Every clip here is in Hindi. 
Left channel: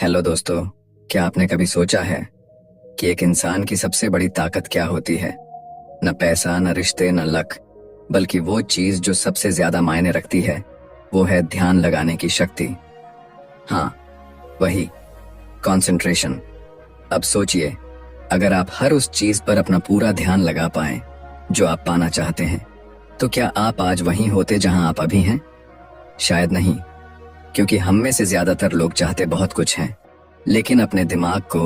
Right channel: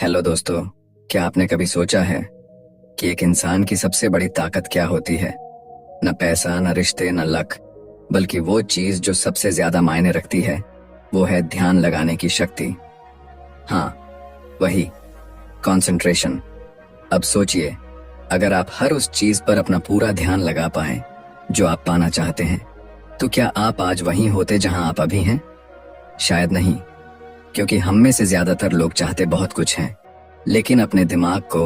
हेलो दोस्तों। क्या आपने कभी सोचा है कि एक इंसान की सबसे बड़ी ताकत क्या होती है? न पैसा, न रिश्ते, न लक, बल्कि वो चीज जो सबसे ज्यादा मायने रखती है वो है ध्यान लगाने की शक्ति। हाँ, वही कंसंट्रेशन। अब सोचिए, अगर आप हर उस चीज पर अपना पूरा ध्यान लगा पाए जो आप पाना चाहते हैं, तो क्या आप आज वहीं होते जहां आप अभी हैं? शायद नहीं, क्योंकि हम में से ज्यादातर लोग चाहते बहुत कुछ हैं, लेकिन अपने दिमाग को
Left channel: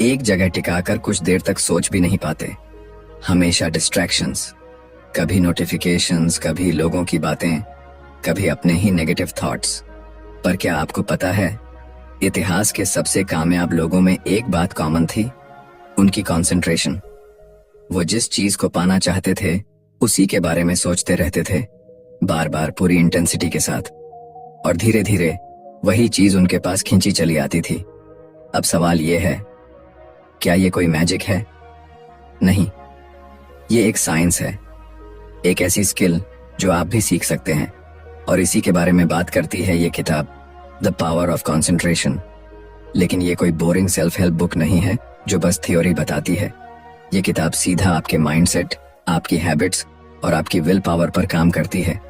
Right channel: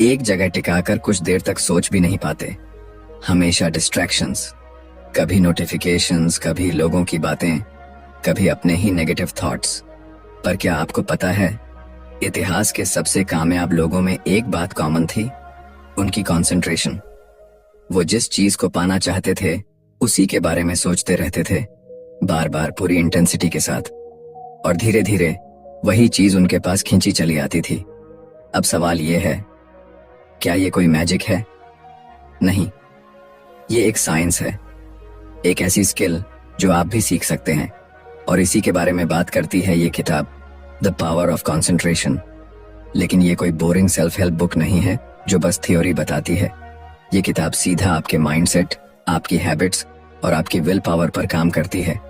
एक जगह टिकाकर कुछ देर तक सोच भी नहीं पाते। हमेशा डिस्ट्रैक्शंस, कभी नोटिफिकेशंस, कभी लोगों की बातें, कभी अपने ही नेगेटिव थॉट्स। पर क्या आपको पता है, इतिहास के सबसे कामयाब लोगों में एक बात कॉमन थी, उनकी कंसंट्रेशन। वो जिस चीज को पाना चाहते थे उसी के बारे में सोचते रहते थे, बार बार पूरी इंटेंसिटी के साथ, और धीरे धीरे वही चीज उनके पास खींची चली आती थी। अब सवाल ये है, क्या ये कोई मैजिक है? नहीं, ये एक साइंस है, एक ऐसी स्किल जो आप भी सीख सकते हैं। और इसी के बारे में बात करती है ये किताब, द पावर ऑफ कंसंट्रेशन। लेकिन ये कोई बोरिंग सेल्फ हेल्प बुक नहीं है जो बस थ्योरी बताती है। ये किताब सीधा आपके माइंडसेट, आपकी हैबिट्स और आपकी विल पावर पर काम करती है।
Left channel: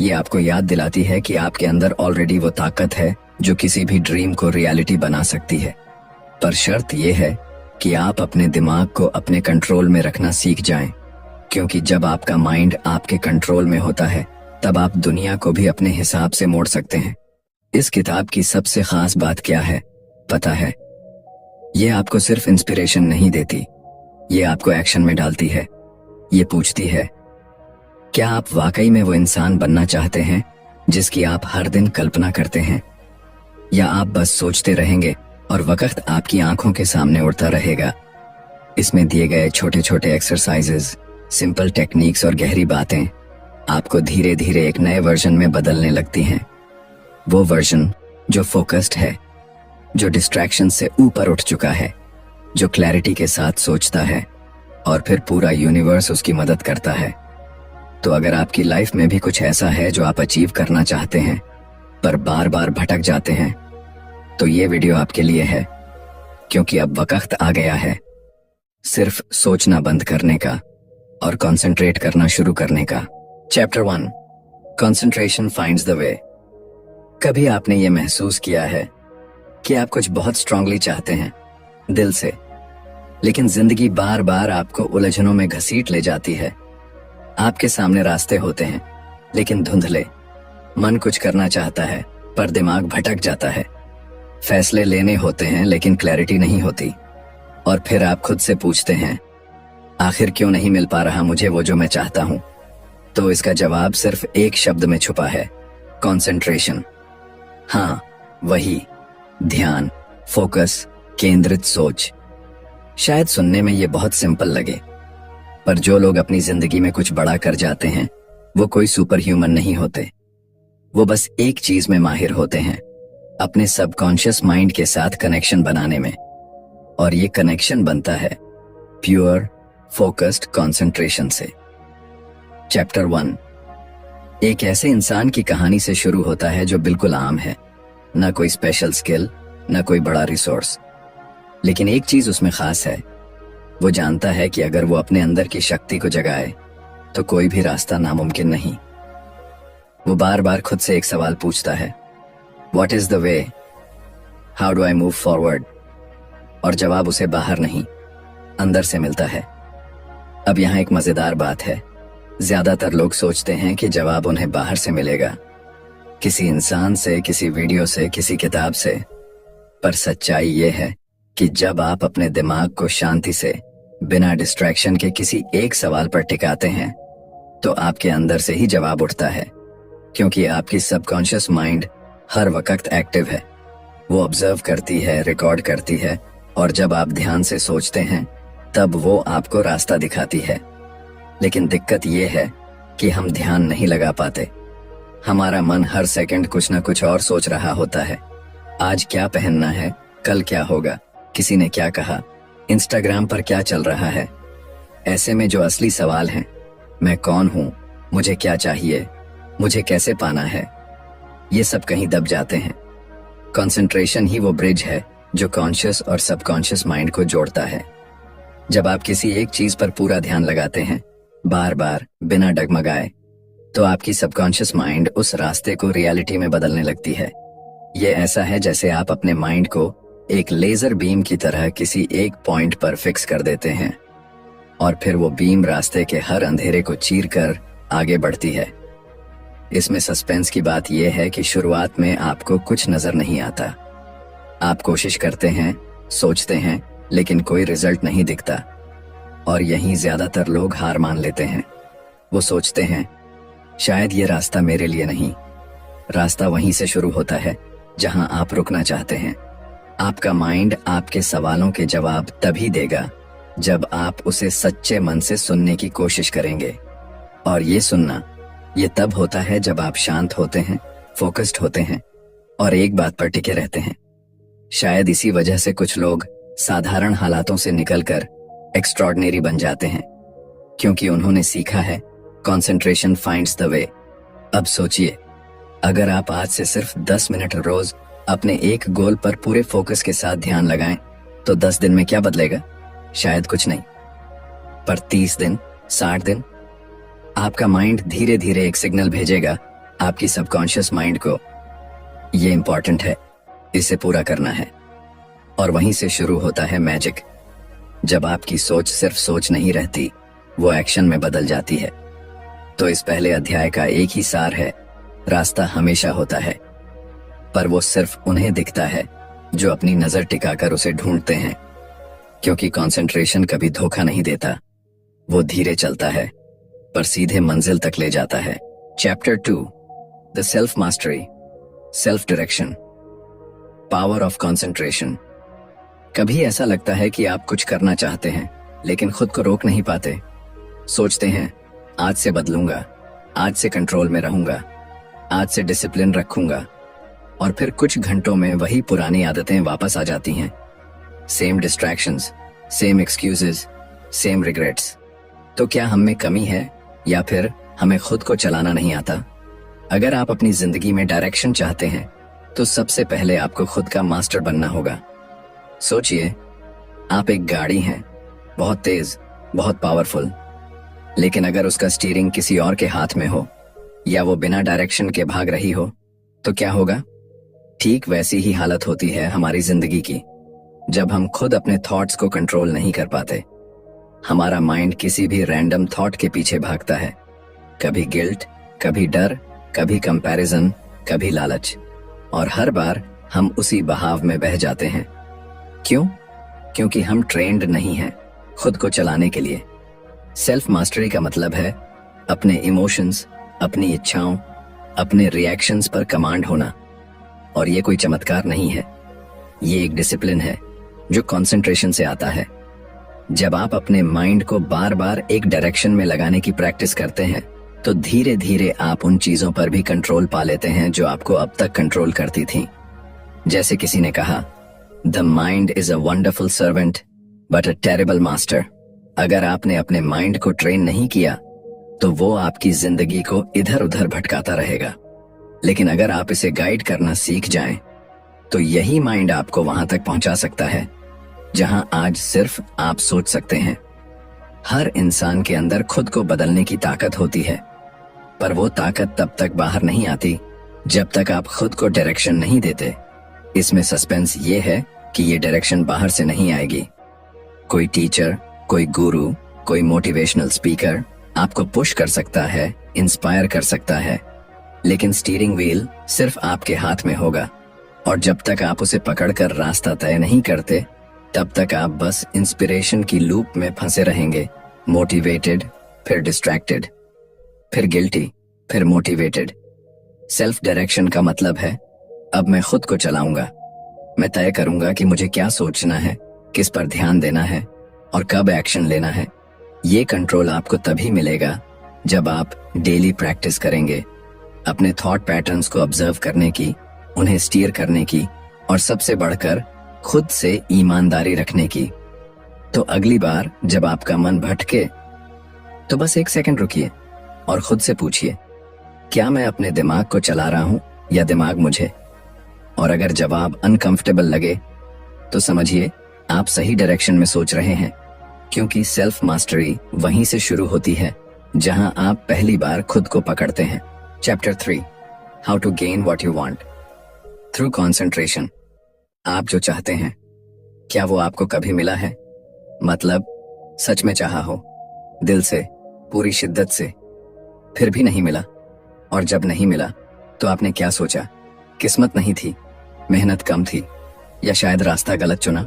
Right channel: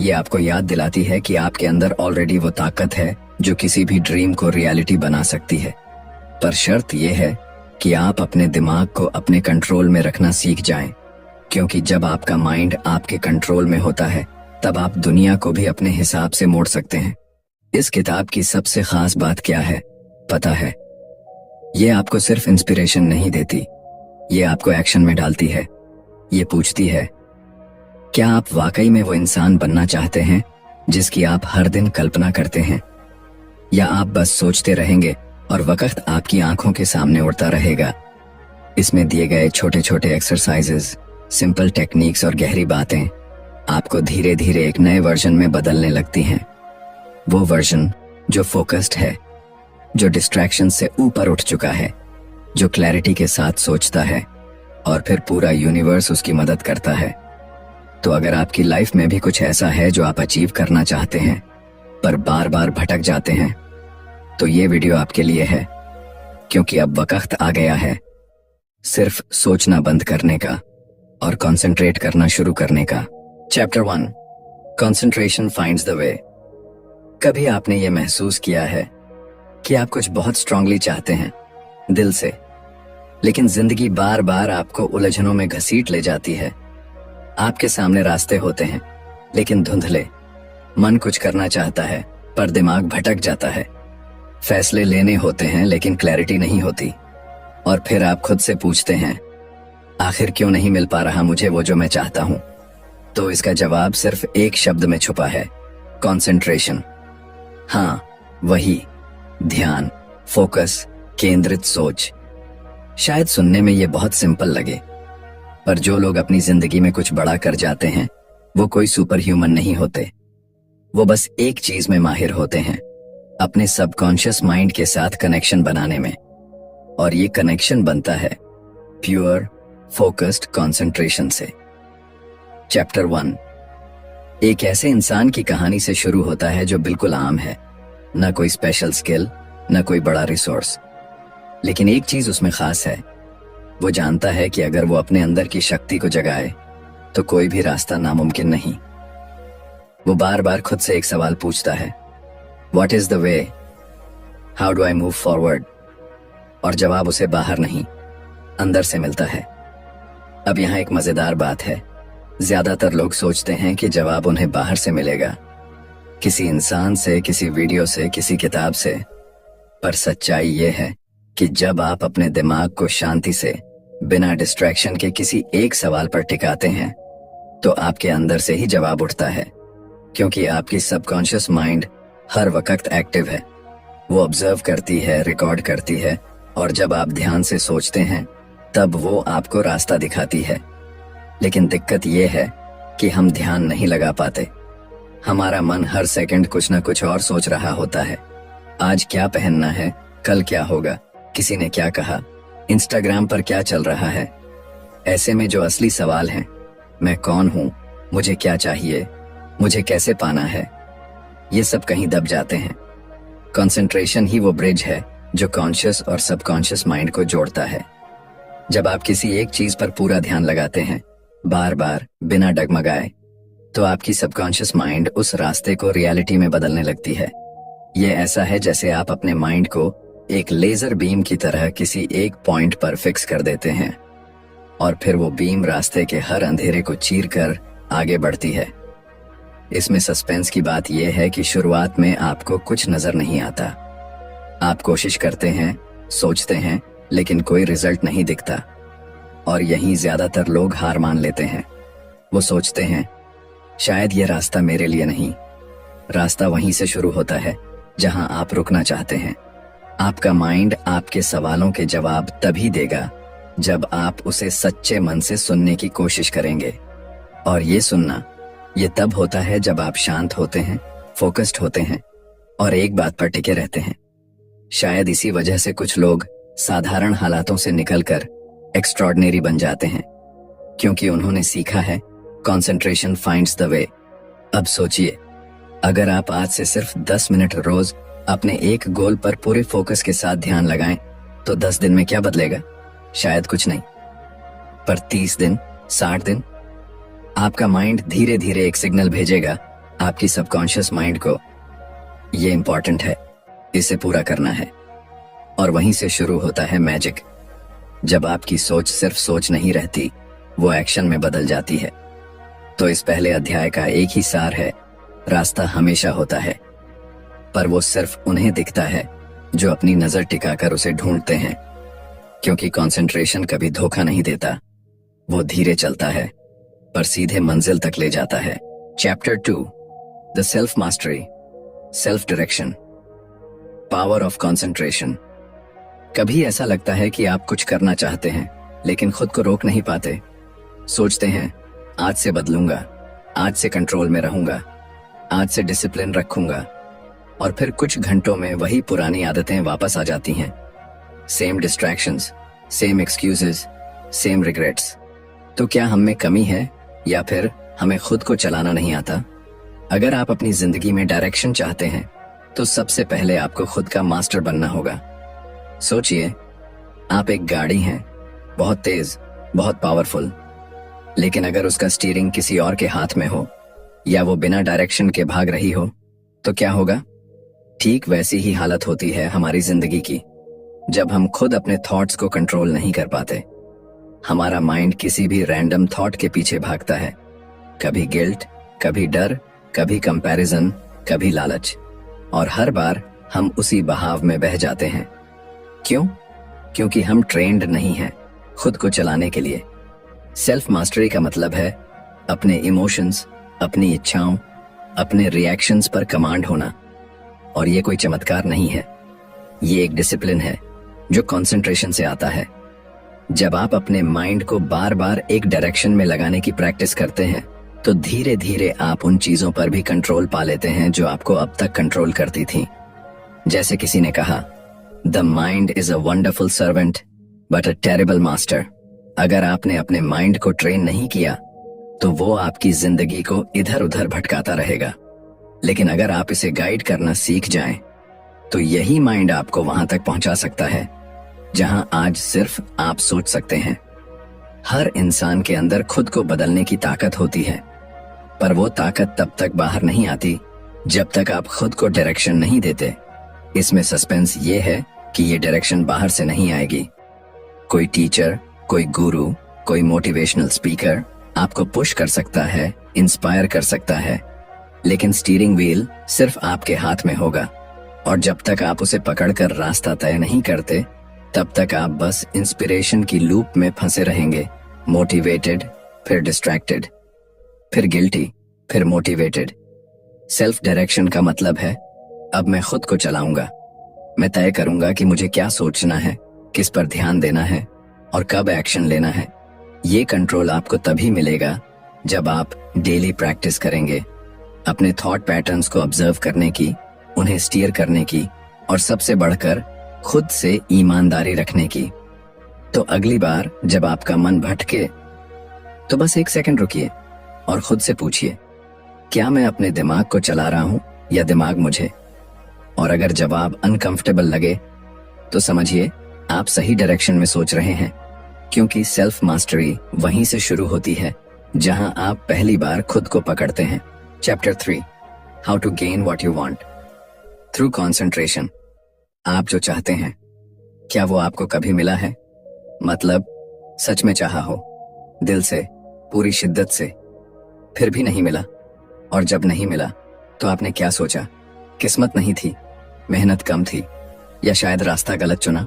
ये आपको याद दिलाती है कि आपके अंदर ऑलरेडी वो ताकत है जो किसी भी ड्रीम को रियलिटी बना सकती है। पर शर्त यह है कि आप अपने दिमाग को अपने कंट्रोल में रखना सीख जाएं, क्योंकि जब आपका माइंड आपके कंट्रोल में होता है तब आप दुनिया को भी अपने हिसाब से मोड़ सकते हैं। इस किताब की सबसे खास बात क्या है पता है? ये आपको सिर्फ इंस्पिरेशन नहीं देती, ये आपको एक्शन में डालती है। ये पूछती है, क्या आप वाकई में वो इंसान बनना चाहते हैं जिसकी आप हर दिन कल्पना करते हैं, या आप बस सोचते रहेंगे और वक्त आपकी आंखों के सामने उड़ता रहेगा? इसमें दिए गए छोटे छोटे एक्सरसाइजेस, सिंपल टेक्निक्स और गहरी बातें आपको धीरे धीरे एक नए वर्जन में बदलने लगती हैं। वो वर्जन जो फोकस्ड है, जो डिस्ट्रैक्शन से ऊपर उठ चुका है, जो क्लैरिटी के साथ सोचता है, और फिर पूरा यूनिवर्स उसकी मदद करता है। तो अगर आपकी लाइफ में भी कुछ ऐसा है जो आप अचीव करना चाहते हैं पर बार बार भटक जाते हैं, तो ये वीडियो आपके लिए है, क्योंकि अब वक्त आ गया है सिर्फ सोचना बंद करने का और कंसंट्रेट करना शुरू करने का। Chapter 1, concentration finds the way. कभी आपने ये महसूस किया है कि आप कुछ बहुत स्ट्रांगली चाहते हैं दिल से, लेकिन जिंदगी बार बार आपको उलझनों में घसीट ले जाती है? आपके सामने रास्ते होते हैं लेकिन धुंधले, मन कुछ करना चाहता है पर दिमाग भटक जाता है, फैसले लेने होते हैं लेकिन क्लैरिटी नहीं होती, और फिर आप खुद से पूछते हैं, आखिर क्यों नहीं मिल पा रहा मुझे वो जो मैं चाहता हूं? तो इसका जवाब सिर्फ एक शब्द में छुपा है, कंसंट्रेशन। हाँ, वही ध्यान, फोकस, केंद्रित सोच। शायद सुनने में ये बहुत सिंपल लगे, पर जो लोग अपनी जिंदगी में कुछ बड़ा कर जाते हैं वो कोई सुपर ह्यूमन नहीं होते। वो बस एक चीज में माहिर होते हैं, अपने सबकॉन्शियस माइंड के साथ कनेक्शन बनाने में। और ये कनेक्शन बनता है प्योर फोकस्ड कंसंट्रेशन से। चैप्टर 1 एक ऐसे इंसान की कहानी से शुरू होता है जो बिल्कुल आम है, ना कोई स्पेशल स्किल, ना कोई बड़ा रिसोर्स, लेकिन एक चीज उसमें खास है। वो जानता है कि अगर वो अपने अंदर की शक्ति को जगाए तो कोई भी रास्ता नामुमकिन नहीं। वो बार बार खुद से एक सवाल पूछता है, what is the way, how do I move forward? और जवाब उसे बाहर नहीं, अंदर से मिलता है। अब यहाँ एक मजेदार बात है, ज्यादातर लोग सोचते हैं कि जवाब उन्हें बाहर से मिलेगा, किसी इंसान से, किसी वीडियो से, किसी किताब से। पर सच्चाई ये है कि जब आप अपने दिमाग को शांति से, बिना डिस्ट्रैक्शन के किसी एक सवाल पर टिकाते हैं, तो आपके अंदर से ही जवाब उठता है, क्योंकि आपकी सबकॉन्शियस माइंड हर वक्त एक्टिव है। वो ऑब्जर्व करती है, रिकॉर्ड करती है, और जब आप ध्यान से सोचते हैं तब वो आपको रास्ता दिखाती है। लेकिन दिक्कत ये है कि हम ध्यान नहीं लगा पाते। हमारा मन हर सेकंड कुछ ना कुछ और सोच रहा होता है। आज क्या पहनना है, कल क्या होगा, किसी ने क्या कहा, इंस्टाग्राम पर क्या चल रहा है। ऐसे में जो असली सवाल हैं, मैं कौन हूं, मुझे क्या चाहिए, मुझे कैसे पाना है, ये सब कहीं दब जाते हैं। कंसंट्रेशन ही वो ब्रिज है जो कॉन्शियस और सबकॉन्शियस माइंड को जोड़ता है। जब आप किसी एक चीज पर पूरा ध्यान लगाते हैं, बार बार बिना डगमगाए, तो आपकी सबकॉन्शियस माइंड उस रास्ते को रियलिटी में बदलने लगती है। ये ऐसा है जैसे आप अपने माइंड को एक लेजर बीम की तरह किसी एक पॉइंट पर फिक्स कर देते हैं और फिर वो बीम रास्ते के हर अंधेरे को चीर कर आगे बढ़ती है। इसमें सस्पेंस की बात यह है कि शुरुआत में आपको कुछ नजर नहीं आता। आप कोशिश करते हैं, सोचते हैं, लेकिन कोई रिजल्ट नहीं दिखता और यहीं ज्यादातर लोग हार मान लेते हैं। वो सोचते हैं शायद ये रास्ता मेरे लिए नहीं। रास्ता वहीं से शुरू होता है जहां आप रुकना चाहते हैं। आपका माइंड आपके सवालों के जवाब तभी देगा जब आप उसे सच्चे मन से सुनने की कोशिश करेंगे। और ये सुनना, ये तब होता है जब आप शांत होते हैं, फोकस्ड होते हैं और एक बात पर टिके रहते हैं। शायद इसी वजह से कुछ लोग साधारण हालातों से निकलकर एक्स्ट्रॉर्डिनरी बन जाते हैं, क्योंकि उन्होंने सीखा है कंसंट्रेशन फाइंड्स द वे। अब सोचिए, अगर आप आज से सिर्फ 10 मिनट रोज अपने एक गोल पर पूरे फोकस के साथ ध्यान लगाएं, तो 10 दिन में क्या बदलेगा? शायद कुछ नहीं, पर 30 दिन, 60 दिन, आपका माइंड धीरे धीरे एक सिग्नल भेजेगा आपकी सबकॉन्शियस माइंड को, ये इंपॉर्टेंट है, इसे पूरा करना है। और वहीं से शुरू होता है मैजिक। जब आपकी सोच सिर्फ सोच नहीं रहती, वो एक्शन में बदल जाती है। तो इस पहले अध्याय का एक ही सार है, रास्ता हमेशा होता है, पर वो सिर्फ उन्हें दिखता है जो अपनी नजर टिकाकर उसे ढूंढते हैं। क्योंकि कंसंट्रेशन कभी धोखा नहीं देता, वो धीरे चलता है पर सीधे मंजिल तक ले जाता है। Chapter 2, the self mastery, self direction, power of concentration. कभी ऐसा लगता है कि आप कुछ करना चाहते हैं लेकिन खुद को रोक नहीं पाते। सोचते हैं आज से बदलूंगा, आज से कंट्रोल में रहूंगा, आज से डिसिप्लिन रखूंगा, और फिर कुछ घंटों में वही पुरानी आदतें वापस आ जाती हैं। Same distractions, same excuses, same regrets. तो क्या हम में कमी है या फिर हमें खुद को चलाना नहीं आता? अगर आप अपनी जिंदगी में डायरेक्शन चाहते हैं तो सबसे पहले आपको खुद का मास्टर बनना होगा। सोचिए, आप एक गाड़ी हैं, बहुत तेज, बहुत पावरफुल, लेकिन अगर उसका स्टीयरिंग किसी और के हाथ में हो या वो बिना डायरेक्शन के भाग रही हो, तो क्या होगा? ठीक वैसी ही हालत होती है हमारी जिंदगी की। जब हम खुद अपने थॉट्स को कंट्रोल नहीं कर पाते, हमारा माइंड किसी भी रैंडम थॉट के पीछे भागता है। कभी गिल्ट, कभी डर, कभी कंपैरिजन, कभी लालच, और हर बार हम उसी बहाव में बह जाते हैं। क्यों? क्योंकि हम ट्रेंड नहीं हैं खुद को चलाने के लिए। सेल्फ मास्टरी का मतलब है अपने इमोशंस, अपनी इच्छाओं, अपने रिएक्शंस पर कमांड होना। और ये कोई चमत्कार नहीं है, ये एक डिसिप्लिन है जो कंसंट्रेशन से आता है। जब आप अपने माइंड को बार बार एक डायरेक्शन में लगाने की प्रैक्टिस करते हैं, तो धीरे धीरे आप उन चीजों पर भी कंट्रोल पा लेते हैं जो आपको अब तक कंट्रोल करती थी। जैसे किसी ने कहा, the mind is a wonderful servant but a terrible master. अगर आपने अपने माइंड को ट्रेन नहीं किया तो वो आपकी जिंदगी को इधर उधर भटकाता रहेगा। लेकिन अगर आप इसे गाइड करना सीख जाएं, तो यही माइंड आपको वहां तक पहुंचा सकता है जहां आज सिर्फ आप सोच सकते हैं। हर इंसान के अंदर खुद को बदलने की ताकत होती है, पर वो ताकत तब तक बाहर नहीं आती जब तक आप खुद को डायरेक्शन नहीं देते। इसमें सस्पेंस ये है कि ये डायरेक्शन बाहर से नहीं आएगी। कोई टीचर, कोई गुरु, कोई मोटिवेशनल स्पीकर आपको पुश कर सकता है, इंस्पायर कर सकता है, लेकिन स्टीयरिंग व्हील सिर्फ आपके हाथ में होगा। और जब तक आप उसे पकड़कर रास्ता तय नहीं करते, तब तक आप बस इंस्पिरेशन की लूप में फंसे रहेंगे। मोटिवेटेड, फिर डिस्ट्रैक्टेड, फिर गिल्टी, फिर मोटिवेटेड। सेल्फ डायरेक्शन का मतलब है अब मैं खुद को चलाऊंगा। मैं तय करूंगा कि मुझे क्या सोचना है, किस पर ध्यान देना है और कब एक्शन लेना है। ये कंट्रोल आपको तभी मिलेगा जब आप डेली प्रैक्टिस करेंगे, अपने थॉट पैटर्न्स को ऑब्जर्व करने की, उन्हें स्टीयर करने की, और सबसे बढ़कर खुद से ईमानदारी रखने की। तो अगली बार जब आपका मन भटके, तो बस 1 सेकंड रुकिए और खुद से पूछिए, क्या मैं अपने दिमाग को चला रहा हूं या दिमाग मुझे? और अगर जवाब अनकंफर्टेबल लगे, तो समझिए आप सही डायरेक्शन में सोच रहे हैं, क्योंकि सेल्फ मास्टरी वहीं से शुरू होती है जहां आप पहली बार खुद को पकड़ते हैं। Chapter 3, how to gain what you want through concentration. आप जो चाहते हैं, क्या वो आपको कभी मिला है? मतलब सच में चाहा हो, दिल से, पूरी शिद्दत से, फिर भी नहीं मिला। और जब नहीं मिला तो आपने क्या सोचा? किस्मत नहीं थी, मेहनत कम थी, या शायद रास्ता गलत चुना।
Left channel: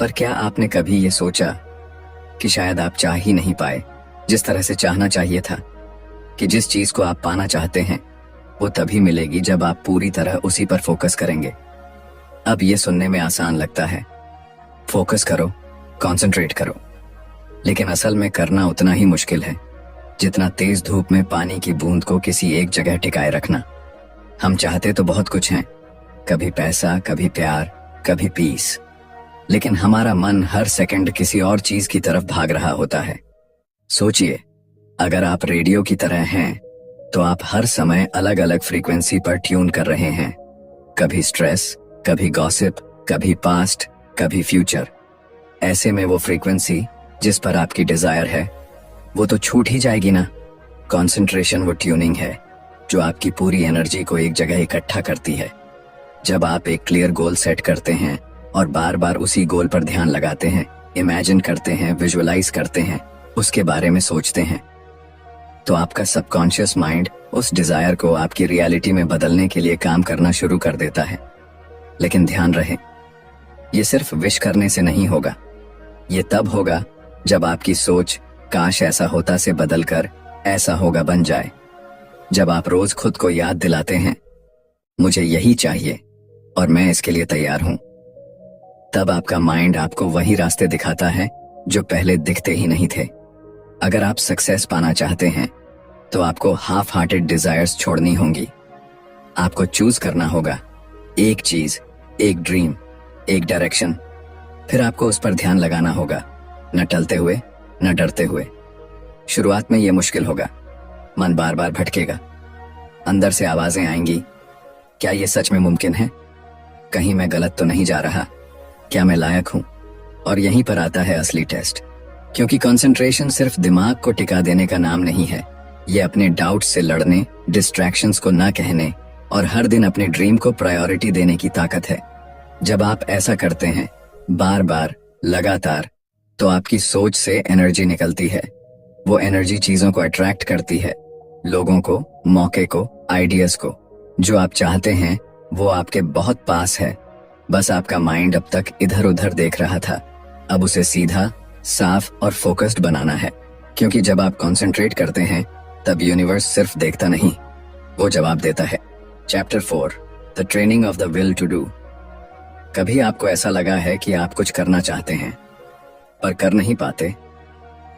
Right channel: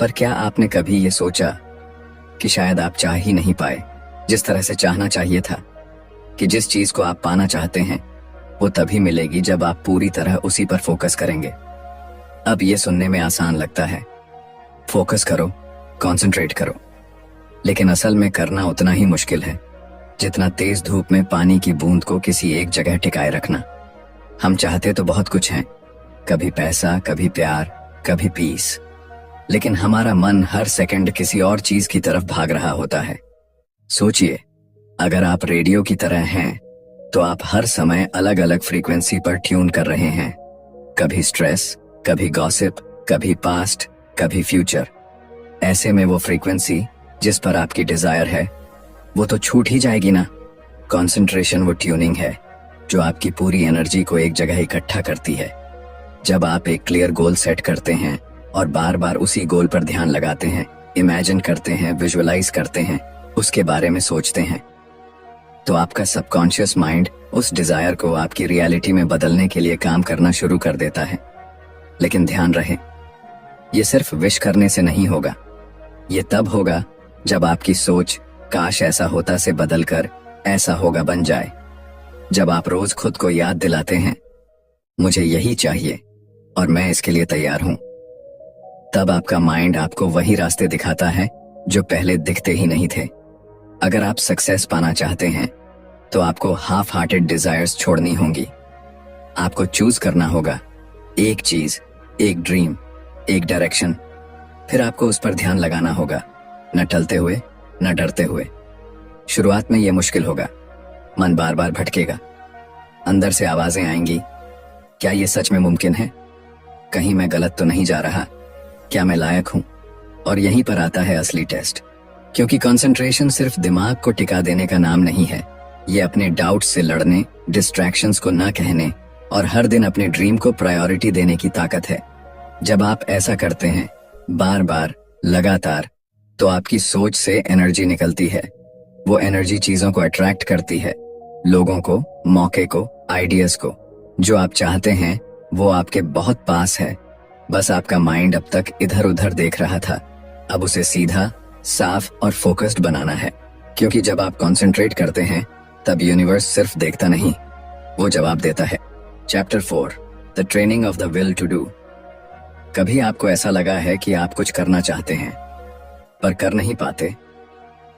पर क्या आपने कभी ये सोचा कि शायद आप चाह ही नहीं पाए जिस तरह से चाहना चाहिए था? कि जिस चीज को आप पाना चाहते हैं वो तभी मिलेगी जब आप पूरी तरह उसी पर फोकस करेंगे। अब ये सुनने में आसान लगता है, फोकस करो, कंसंट्रेट करो, लेकिन असल में करना उतना ही मुश्किल है जितना तेज धूप में पानी की बूंद को किसी एक जगह टिकाए रखना। हम चाहते तो बहुत कुछ हैं, कभी पैसा, कभी प्यार, कभी पीस, लेकिन हमारा मन हर सेकंड किसी और चीज की तरफ भाग रहा होता है। सोचिए, अगर आप रेडियो की तरह हैं तो आप हर समय अलग अलग फ्रीक्वेंसी पर ट्यून कर रहे हैं, कभी स्ट्रेस, कभी गॉसिप, कभी पास्ट, कभी फ्यूचर। ऐसे में वो फ्रीक्वेंसी जिस पर आपकी डिजायर है वो तो छूट ही जाएगी ना। कंसंट्रेशन वो ट्यूनिंग है जो आपकी पूरी एनर्जी को एक जगह इकट्ठा करती है। जब आप एक क्लियर गोल सेट करते हैं और बार बार उसी गोल पर ध्यान लगाते हैं, इमेजिन करते हैं, विजुअलाइज करते हैं, उसके बारे में सोचते हैं, तो आपका सबकॉन्शियस माइंड उस डिजायर को आपकी रियलिटी में बदलने के लिए काम करना शुरू कर देता है। लेकिन ध्यान रहे, ये सिर्फ विश करने से नहीं होगा। ये तब होगा जब आपकी सोच काश ऐसा होता से बदलकर ऐसा होगा बन जाए। जब आप रोज खुद को याद दिलाते हैं, मुझे यही चाहिए और मैं इसके लिए तैयार हूं, तब आपका माइंड आपको वही रास्ते दिखाता है जो पहले दिखते ही नहीं थे। अगर आप सक्सेस पाना चाहते हैं तो आपको हाफ हार्टेड डिजायर्स छोड़नी होंगी। आपको चूज करना होगा एक चीज, एक ड्रीम, एक डायरेक्शन, फिर आपको उस पर ध्यान लगाना होगा, न टलते हुए, न डरते हुए। शुरुआत में यह मुश्किल होगा, मन बार बार भटकेगा, अंदर से आवाजें आएंगी, क्या यह सच में मुमकिन है? कहीं मैं गलत तो नहीं जा रहा? क्या मैं लायक हूं? और यहीं पर आता है असली टेस्ट, क्योंकि कंसंट्रेशन सिर्फ दिमाग को टिका देने का नाम नहीं है। ये अपने डाउट से लड़ने, डिस्ट्रैक्शंस को ना कहने और हर दिन अपने ड्रीम को प्रायोरिटी देने की ताकत है। जब आप ऐसा करते हैं, बार बार, लगातार, तो आपकी सोच से एनर्जी निकलती है। वो एनर्जी चीजों को अट्रैक्ट करती है, लोगों को, मौके को, आइडियाज को। जो आप चाहते हैं वो आपके बहुत पास है, बस आपका माइंड अब तक इधर उधर देख रहा था। अब उसे सीधा, साफ और फोकस्ड बनाना है, क्योंकि जब आप कंसंट्रेट करते हैं तब यूनिवर्स सिर्फ देखता नहीं, वो जवाब देता है। Chapter 4, the training of the will to do. कभी आपको ऐसा लगा है कि आप कुछ करना चाहते हैं पर कर नहीं पाते?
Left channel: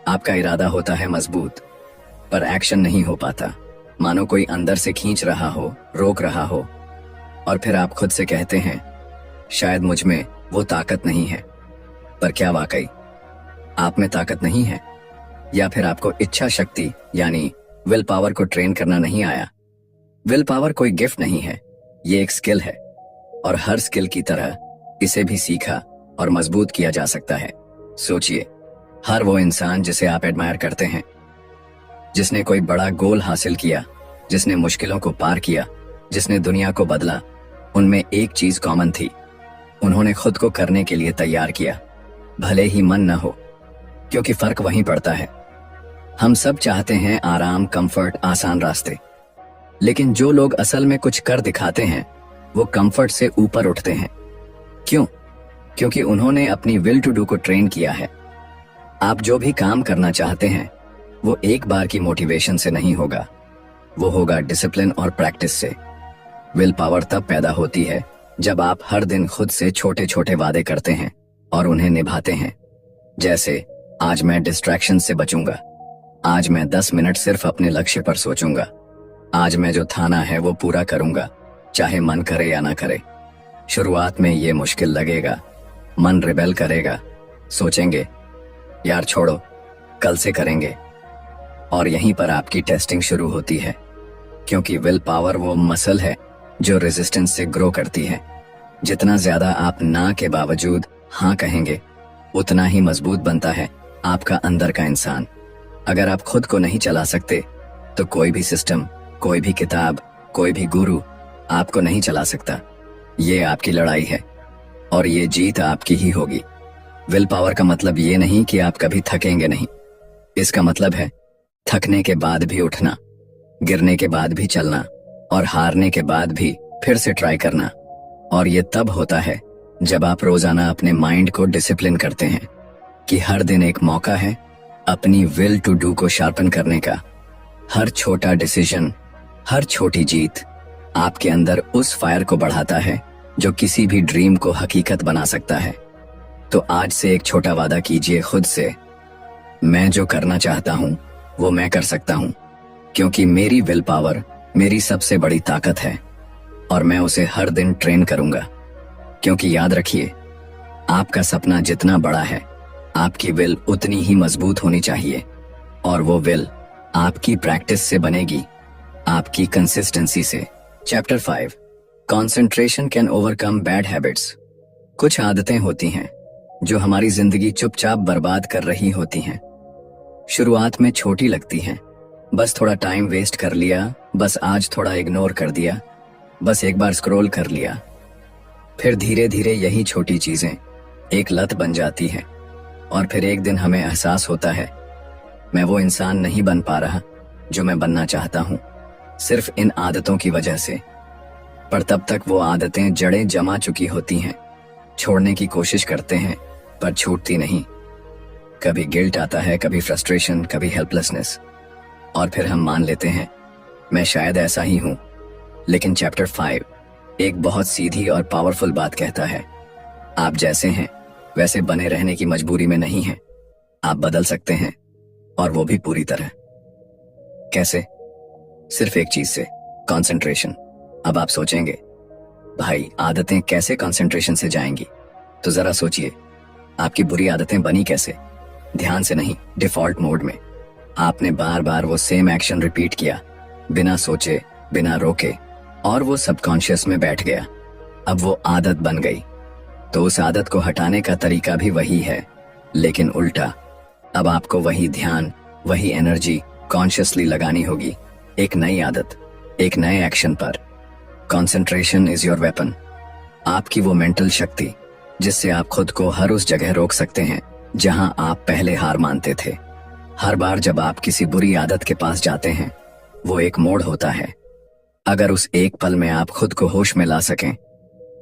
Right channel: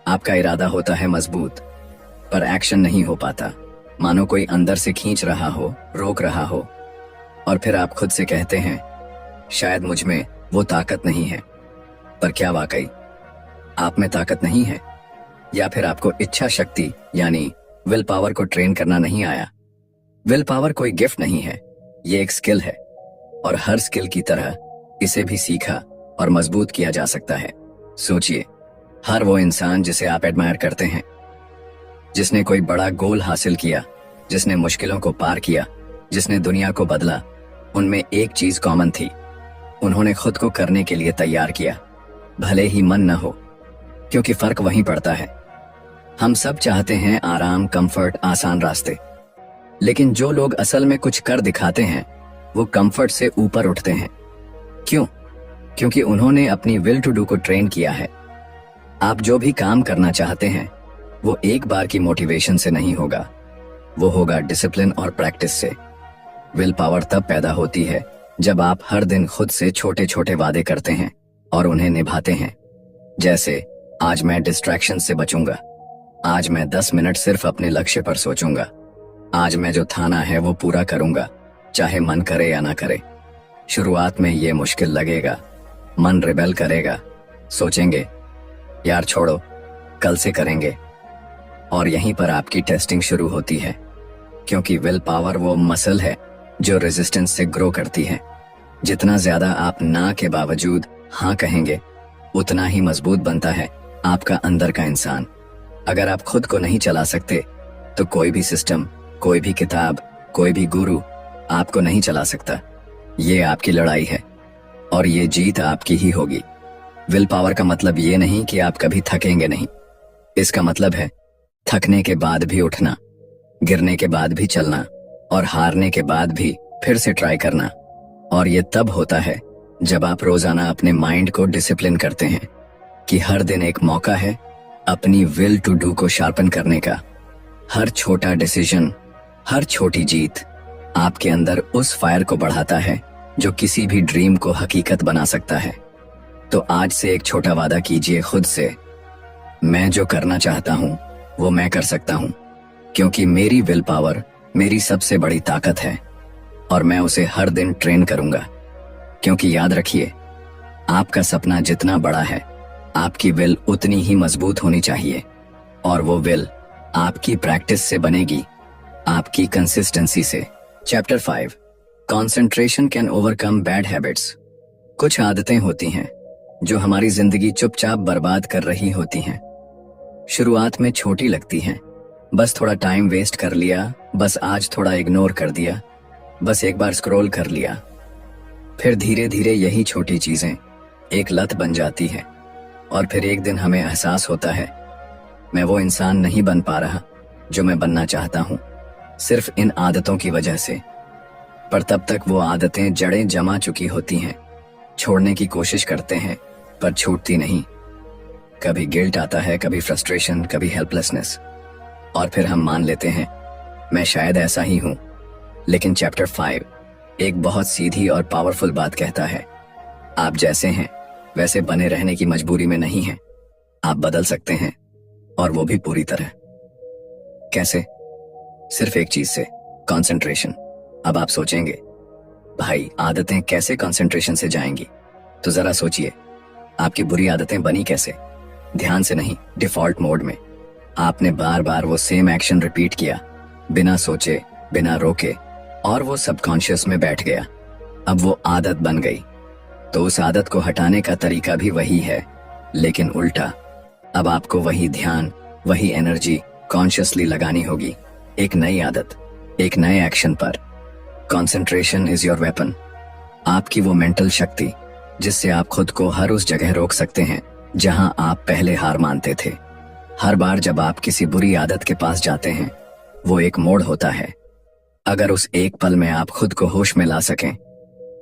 आपका इरादा होता है मजबूत, पर एक्शन नहीं हो पाता, मानो कोई अंदर से खींच रहा हो, रोक रहा हो। और फिर आप खुद से कहते हैं, शायद मुझ में वो ताकत नहीं है। पर क्या वाकई आप में ताकत नहीं है? या फिर आपको इच्छा शक्ति यानी विल पावर को ट्रेन करना नहीं आया? विल पावर कोई गिफ्ट नहीं है, ये एक स्किल है, और हर स्किल की तरह इसे भी सीखा और मजबूत किया जा सकता है। सोचिए, हर वो इंसान जिसे आप एडमायर करते हैं, जिसने कोई बड़ा गोल हासिल किया, जिसने मुश्किलों को पार किया, जिसने दुनिया को बदला, उनमें एक चीज कॉमन थी, उन्होंने खुद को करने के लिए तैयार किया, भले ही मन न हो, क्योंकि फर्क वहीं पड़ता है। हम सब चाहते हैं आराम, कंफर्ट, आसान रास्ते, लेकिन जो लोग असल में कुछ कर दिखाते हैं वो कंफर्ट से ऊपर उठते हैं। क्यों? क्योंकि उन्होंने अपनी विल टू डू को ट्रेन किया है। आप जो भी काम करना चाहते हैं वो एक बार की मोटिवेशन से नहीं होगा, वो होगा डिसिप्लिन और प्रैक्टिस से। विल पावर तब पैदा होती है जब आप हर दिन खुद से छोटे छोटे वादे करते हैं और उन्हें निभाते हैं। जैसे, आज मैं डिस्ट्रैक्शन से बचूंगा, आज मैं 10 मिनट सिर्फ अपने लक्ष्य पर सोचूंगा, आज मैं जो ठाना है वो पूरा करूंगा, चाहे मन करे या ना करे। शुरुआत में ये मुश्किल लगेगा, मन रिबेल करेगा, सोचेंगे यार छोड़ो, कल से करेंगे। और यहीं पर आपकी टेस्टिंग शुरू होती है, क्योंकि विल पावर वो मसल है जो रेजिस्टेंस से ग्रो करती है। जितना ज्यादा आप ना के बावजूद हाँ कहेंगे, उतना ही मजबूत बनता है आपका अंदर का इंसान। अगर आप खुद को नहीं चला सकते, तो कोई भी सिस्टम, कोई भी किताब, कोई भी गुरु आपको नहीं चला सकता। ये आपकी लड़ाई है और ये जीत आपकी ही होगी। विल पावर का मतलब ये नहीं कि आप कभी थकेंगे नहीं। इसका मतलब है थकने के बाद भी उठना, गिरने के बाद भी चलना और हारने के बाद भी फिर से ट्राई करना। और ये तब होता है जब आप रोजाना अपने माइंड को डिसिप्लिन करते हैं कि हर दिन एक मौका है अपनी विल टू डू को शार्पन करने का। हर छोटा डिसीजन, हर छोटी जीत आपके अंदर उस फायर को बढ़ाता है जो किसी भी ड्रीम को हकीकत बना सकता है। तो आज से एक छोटा वादा कीजिए खुद से, मैं जो करना चाहता हूं वो मैं कर सकता हूं, क्योंकि मेरी विल पावर मेरी सबसे बड़ी ताकत है और मैं उसे हर दिन ट्रेन करूंगा। क्योंकि याद रखिए, आपका सपना जितना बड़ा है, आपकी विल उतनी ही मजबूत होनी चाहिए। और वो विल आपकी प्रैक्टिस से बनेगी, आपकी कंसिस्टेंसी से। Chapter 5, concentration can overcome bad habits. कुछ आदतें होती हैं जो हमारी जिंदगी चुपचाप बर्बाद कर रही होती हैं। शुरुआत में छोटी लगती हैं, बस थोड़ा टाइम वेस्ट कर लिया, बस आज थोड़ा इग्नोर कर दिया, बस एक बार स्क्रॉल कर लिया। फिर धीरे धीरे यही छोटी चीजें एक लत बन जाती है और फिर एक दिन हमें एहसास होता है, मैं वो इंसान नहीं बन पा रहा जो मैं बनना चाहता हूं, सिर्फ इन आदतों की वजह से। पर तब तक वो आदतें जड़ें जमा चुकी होती हैं। छोड़ने की कोशिश करते हैं पर छूटती नहीं। कभी गिल्ट आता है, कभी फ्रस्ट्रेशन, कभी हेल्पलेसनेस, और फिर हम मान लेते हैं मैं शायद ऐसा ही हूं। लेकिन चैप्टर 5 एक बहुत सीधी और पावरफुल बात कहता है, आप जैसे हैं वैसे बने रहने की मजबूरी में नहीं हैं। आप बदल सकते हैं, और वो भी पूरी तरह। कैसे? सिर्फ एक चीज से, कंसंट्रेशन। अब आप सोचेंगे, भाई आदतें कैसे कंसंट्रेशन से जाएंगी? तो जरा सोचिए, आपकी बुरी आदतें बनी कैसे? ध्यान से नहीं, डिफॉल्ट मोड में। आपने बार बार वो सेम एक्शन रिपीट किया, बिना सोचे, बिना रोके, और वो सबकॉन्शियस में बैठ गया। अब वो आदत बन गई। तो उस आदत को हटाने का तरीका भी वही है, लेकिन उल्टा। अब आपको वही ध्यान, वही एनर्जी कॉन्शियसली लगानी होगी, एक नई आदत, एक नए एक्शन पर। Concentration is your weapon. आपकी वो मेंटल शक्ति जिससे आप खुद को हर उस जगह रोक सकते हैं जहां आप पहले हार मानते थे। हर बार जब आप किसी बुरी आदत के पास जाते हैं, वो एक मोड़ होता है। अगर उस एक पल में आप खुद को होश में ला सकें,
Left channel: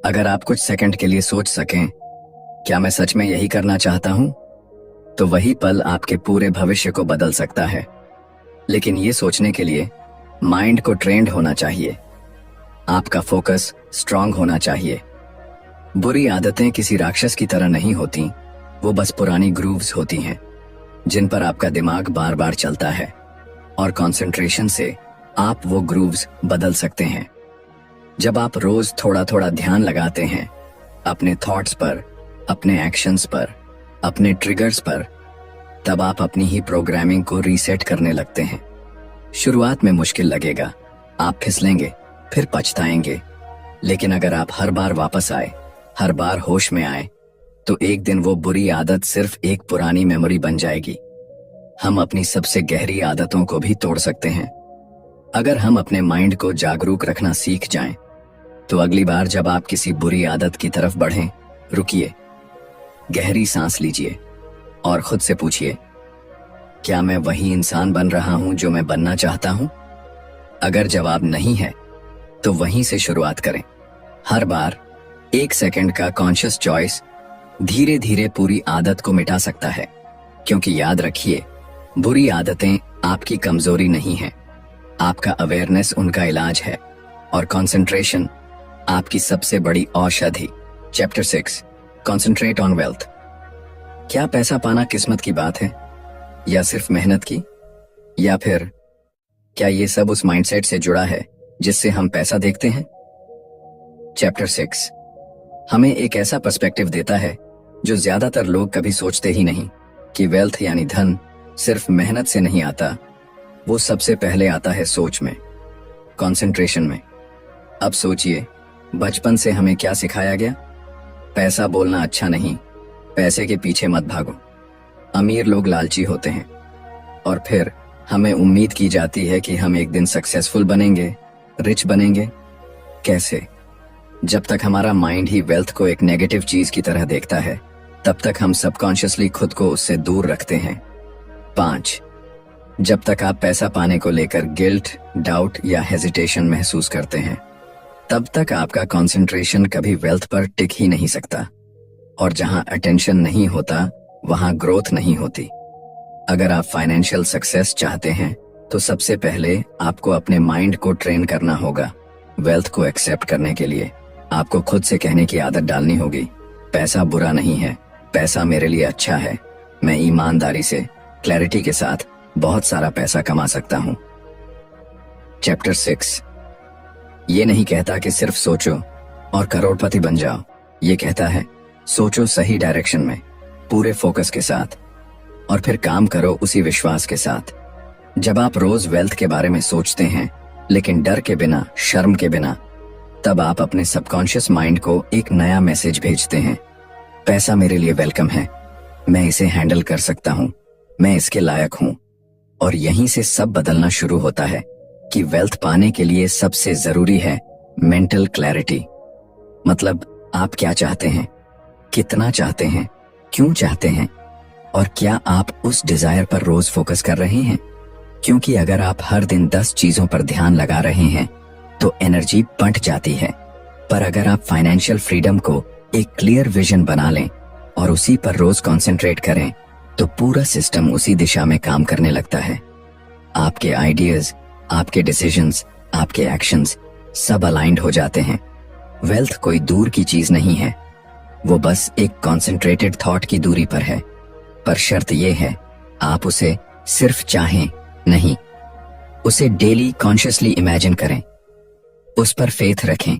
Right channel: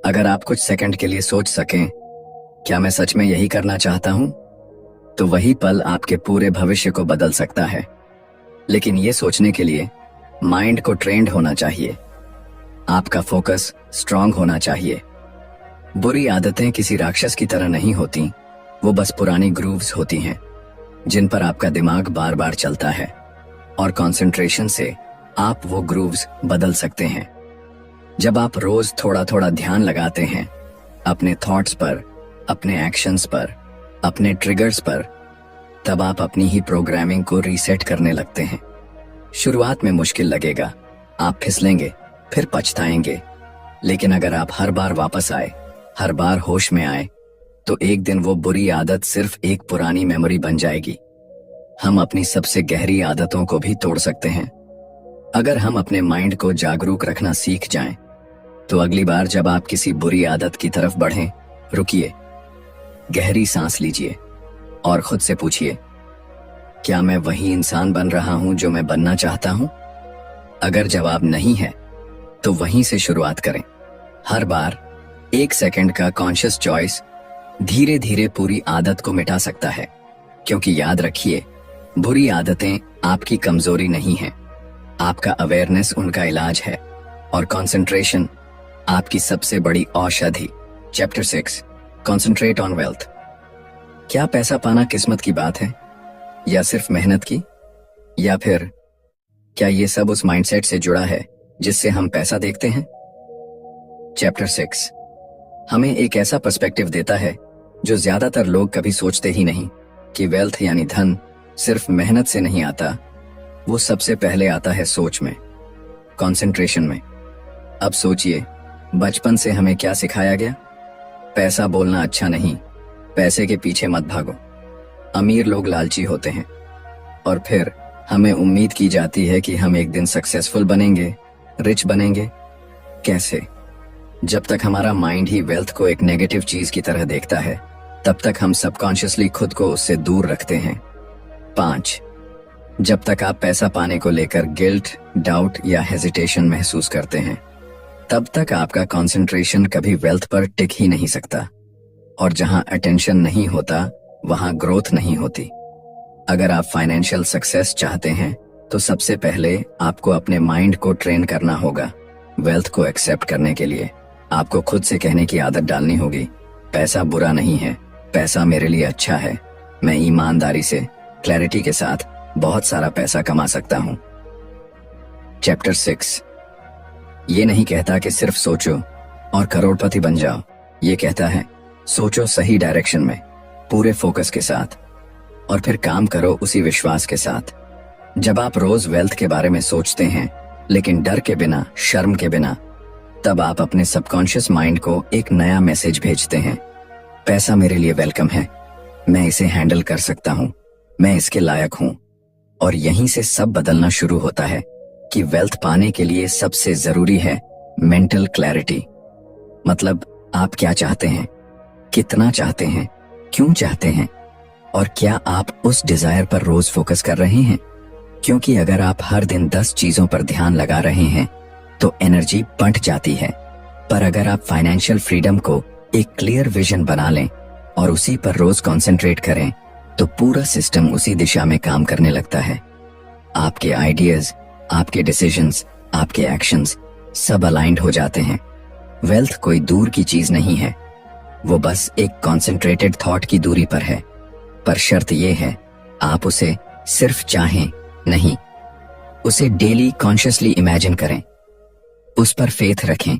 अगर आप कुछ सेकंड के लिए सोच सकें, क्या मैं सच में यही करना चाहता हूं, तो वही पल आपके पूरे भविष्य को बदल सकता है। लेकिन ये सोचने के लिए माइंड को ट्रेंड होना चाहिए, आपका फोकस स्ट्रांग होना चाहिए। बुरी आदतें किसी राक्षस की तरह नहीं होती, वो बस पुरानी ग्रूव्स होती हैं जिन पर आपका दिमाग बार बार चलता है। और कंसंट्रेशन से आप वो ग्रूव्स बदल सकते हैं। जब आप रोज थोड़ा थोड़ा ध्यान लगाते हैं अपने थॉट्स पर, अपने एक्शंस पर, अपने ट्रिगर्स पर, तब आप अपनी ही प्रोग्रामिंग को रीसेट करने लगते हैं। शुरुआत में मुश्किल लगेगा, आप फिसलेंगे, फिर पछताएंगे, लेकिन अगर आप हर बार वापस आए, हर बार होश में आए, तो एक दिन वो बुरी आदत सिर्फ एक पुरानी मेमोरी बन जाएगी। हम अपनी सबसे गहरी आदतों को भी तोड़ सकते हैं अगर हम अपने माइंड को जागरूक रखना सीख जाएं। तो अगली बार जब आप किसी बुरी आदत की तरफ बढ़ें, रुकिए, गहरी सांस लीजिए और खुद से पूछिए, क्या मैं वही इंसान बन रहा हूं जो मैं बनना चाहता हूं? अगर जवाब नहीं है, तो वहीं से शुरुआत करें। हर बार 1 सेकंड का कॉन्शियस चॉइस धीरे धीरे पूरी आदत को मिटा सकता है। क्योंकि याद रखिए, बुरी आदतें आपकी कमजोरी नहीं है, आपका अवेयरनेस उनका इलाज है, और कंसंट्रेशन आपकी सबसे बड़ी औषधि। Chapter 6, concentrate on wealth. क्या पैसा पाना किस्मत की बात है, या सिर्फ मेहनत की? या फिर क्या ये सब उस माइंडसेट से जुड़ा है जिससे हम पैसा देखते हैं? चैप्टर 6 हमें एक ऐसा पर्सपेक्टिव देता है जो ज्यादातर लोग कभी सोचते ही नहीं, कि वेल्थ यानी धन सिर्फ मेहनत से नहीं आता, वो सबसे पहले आता है सोच में, कंसंट्रेशन में। अब सोचिए, बचपन से हमें क्या सिखाया गया? पैसा बोलना अच्छा नहीं, पैसे के पीछे मत भागो। अमीर लोग लालची होते हैं और फिर हमें उम्मीद की जाती है कि हम एक दिन सक्सेसफुल बनेंगे, रिच बनेंगे। कैसे? जब तक हमारा माइंड ही वेल्थ को एक नेगेटिव चीज की तरह देखता है, तब तक हम सबकॉन्शियसली खुद को उससे दूर रखते हैं। 5. जब तक आप पैसा पाने को लेकर गिल्ट, डाउट या हेजिटेशन महसूस करते हैं, तब तक आपका कंसंट्रेशन कभी वेल्थ पर टिक ही नहीं सकता। और जहां अटेंशन नहीं होता, वहां ग्रोथ नहीं होती। अगर आप फाइनेंशियल सक्सेस चाहते हैं, तो सबसे पहले आपको अपने माइंड को ट्रेन करना होगा। वेल्थ को एक्सेप्ट करने के लिए आपको खुद से कहने की आदत डालनी होगी, पैसा बुरा नहीं है, पैसा मेरे लिए अच्छा है। मैं ईमानदारी से, क्लैरिटी के साथ बहुत सारा पैसा कमा सकता हूं। चैप्टर 6 ये नहीं कहता कि सिर्फ सोचो और करोड़पति बन जाओ। ये कहता है सोचो सही डायरेक्शन में, पूरे फोकस के साथ, और फिर काम करो उसी विश्वास के साथ। जब आप रोज वेल्थ के बारे में सोचते हैं, लेकिन डर के बिना, शर्म के बिना, तब आप अपने सबकॉन्शियस माइंड को एक नया मैसेज भेजते हैं। पैसा मेरे लिए वेलकम है, मैं इसे हैंडल कर सकता हूं, मैं इसके लायक हूं। और यहीं से सब बदलना शुरू होता है कि वेल्थ पाने के लिए सबसे जरूरी है मेंटल क्लैरिटी। मतलब आप क्या चाहते हैं, कितना चाहते हैं, क्यों चाहते हैं, और क्या आप उस डिजायर पर रोज फोकस कर रहे हैं? क्योंकि अगर आप हर दिन 10 चीजों पर ध्यान लगा रहे हैं, तो एनर्जी बंट जाती है। पर अगर आप फाइनेंशियल फ्रीडम को एक क्लियर विजन बना लें और उसी पर रोज कंसंट्रेट करें, तो पूरा सिस्टम उसी दिशा में काम करने लगता है। आपके आइडियाज, आपके डिसीजंस, आपके एक्शंस सब अलाइंड हो जाते हैं। वेल्थ कोई दूर की चीज नहीं है, वो बस एक कॉन्सेंट्रेटेड थॉट की दूरी पर है। पर शर्त यह है, आप उसे सिर्फ चाहें नहीं, उसे डेली कॉन्शियसली इमेजिन करें, उस पर फेथ रखें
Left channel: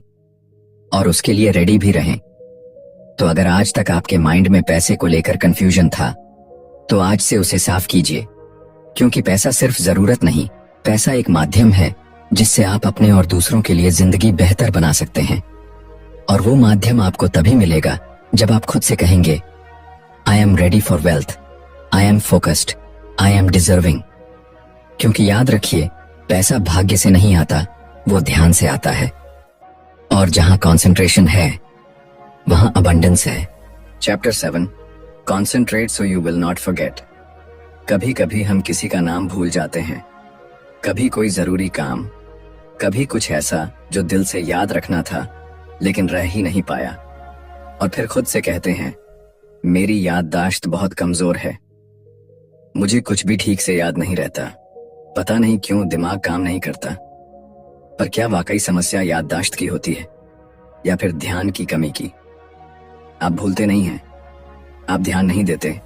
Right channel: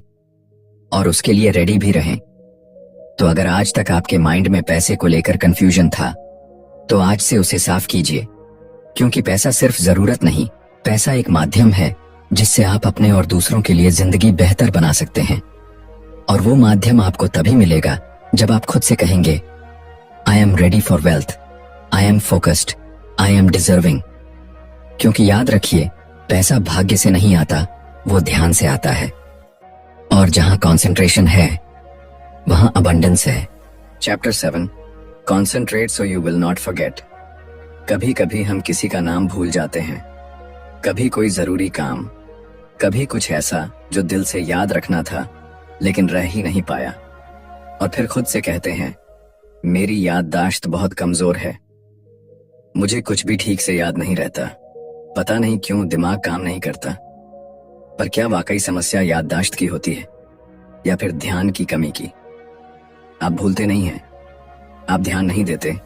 और उसके लिए रेडी भी रहें। तो अगर आज तक आपके माइंड में पैसे को लेकर कंफ्यूजन था, तो आज से उसे साफ कीजिए। क्योंकि पैसा सिर्फ जरूरत नहीं, पैसा एक माध्यम है जिससे आप अपने और दूसरों के लिए जिंदगी बेहतर बना सकते हैं। और वो माध्यम आपको तभी मिलेगा जब आप खुद से कहेंगे, I am ready for wealth, I am focused, I am deserving. क्योंकि याद रखिए, पैसा भाग्य से नहीं आता, वो ध्यान से आता है। और जहां कंसंट्रेशन है, वहां अबंडेंस है। Chapter 7 concentrate so you will not forget. कभी कभी हम किसी का नाम भूल जाते हैं, कभी कोई जरूरी काम, कभी कुछ ऐसा जो दिल से याद रखना था लेकिन रह ही नहीं पाया। और फिर खुद से कहते हैं, मेरी याददाश्त बहुत कमजोर है, मुझे कुछ भी ठीक से याद नहीं रहता, पता नहीं क्यों दिमाग काम नहीं करता। पर क्या वाकई समस्या याददाश्त की होती है या फिर ध्यान की कमी की? आप भूलते नहीं हैं, आप ध्यान नहीं देते।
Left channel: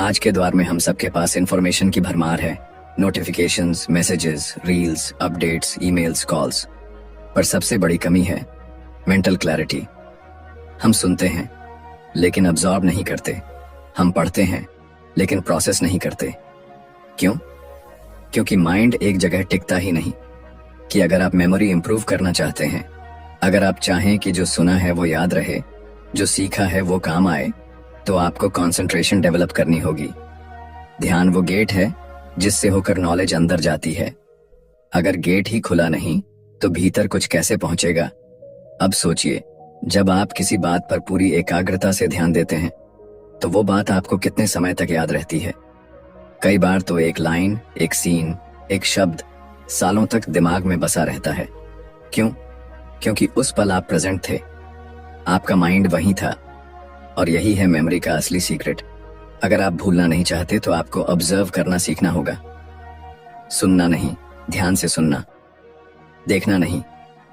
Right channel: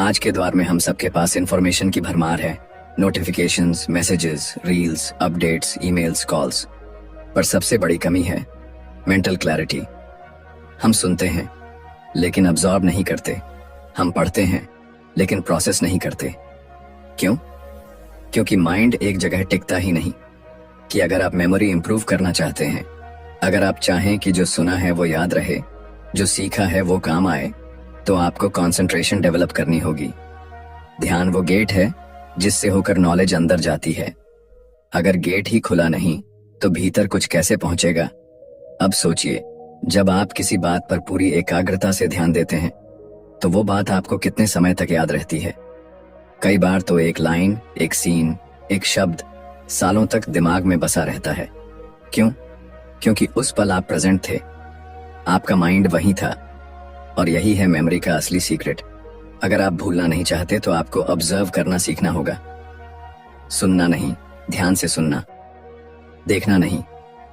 आज के दौर में हम सबके पास इंफॉर्मेशन की भरमार है, notifications, messages, reels, updates, emails, calls. पर सबसे बड़ी कमी है मेंटल क्लैरिटी। हम सुनते हैं लेकिन अब्सॉर्ब नहीं करते, हम पढ़ते हैं लेकिन प्रोसेस नहीं करते। क्यों? क्योंकि माइंड एक जगह टिकता ही नहीं। कि अगर आप मेमोरी इंप्रूव करना चाहते हैं, अगर आप चाहें कि जो सुना है वो याद रहे, जो सीखा है वो काम आए, तो आपको कंसंट्रेशन डेवलप करनी होगी। ध्यान वो गेट है जिससे होकर नॉलेज अंदर जाती है। अगर गेट ही खुला नहीं, तो भीतर कुछ कैसे पहुंचेगा? अब सोचिए, जब आप किसी बात पर पूरी एकाग्रता से ध्यान देते हैं, तो वो बात आपको कितने समय तक याद रहती है? कई बार तो एक लाइन, एक सीन, एक शब्द सालों तक दिमाग में बसा रहता है। क्यों? क्योंकि उस पल आप प्रेजेंट थे, आपका माइंड वहीं था। और यही है मेमोरी का असली सीक्रेट। अगर आप भूलना नहीं चाहते, तो आपको ऑब्जर्व करना सीखना होगा। सुनना नहीं, ध्यान से सुनना। देखना नहीं,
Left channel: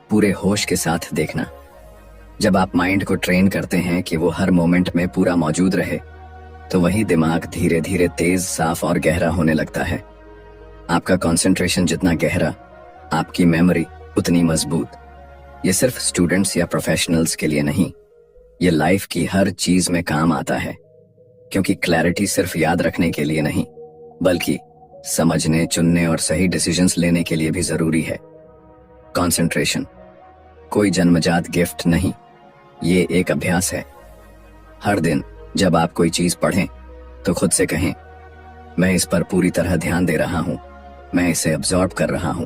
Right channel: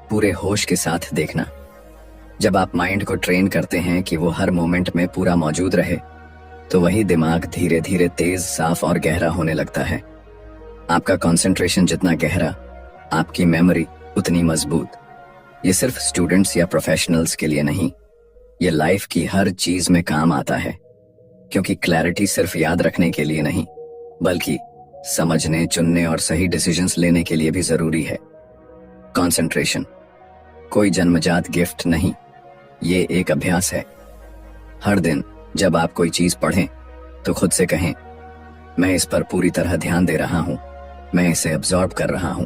पूरे होश के साथ देखना। जब आप माइंड को ट्रेन करते हैं कि वो हर मोमेंट में पूरा मौजूद रहे, तो वही दिमाग धीरे धीरे तेज, साफ और गहरा होने लगता है। आपका कंसंट्रेशन जितना गहरा, आपकी मेमोरी उतनी मजबूत। ये सिर्फ स्टूडेंट्स या प्रोफेशनल्स के लिए नहीं, ये लाइफ की हर चीज में काम आता है। क्योंकि क्लैरिटी सिर्फ याद रखने के लिए नहीं, बल्कि समझने, चुनने और सही डिसीजंस लेने के लिए भी जरूरी है। कंसंट्रेशन कोई जन्मजात गिफ्ट नहीं, ये एक अभ्यास है। हर दिन जब आप कोई चीज पढ़ें तो खुद से कहें, मैं इस पर पूरी तरह ध्यान दे रहा हूं, मैं इसे अब्सॉर्ब कर रहा हूं।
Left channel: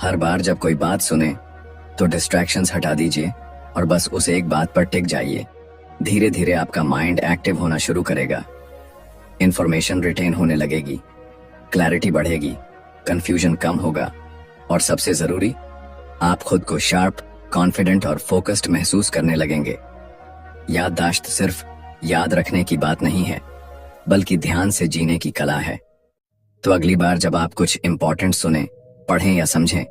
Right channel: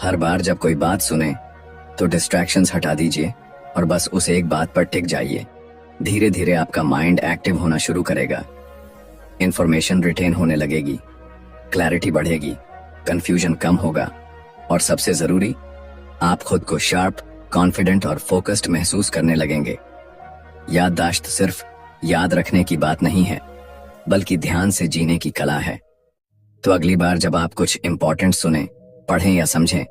हर बार जब कोई बात सुने तो डिस्ट्रैक्शंस हटा दीजिए और बस उस एक बात पर टिक जाइए। धीरे धीरे आपका माइंड एक्टिव होना शुरू करेगा, इंफॉर्मेशन रिटेन होने लगेगी, क्लैरिटी बढ़ेगी, कंफ्यूजन कम होगा और सबसे जरूरी, आप खुद को शार्प, कॉन्फिडेंट और फोकस्ड महसूस करने लगेंगे। याददाश्त सिर्फ याद रखने की बात नहीं है, बल्कि ध्यान से जीने की कला है। तो अगली बार जब आप कुछ इंपॉर्टेंट सुने, पढ़ें या समझें,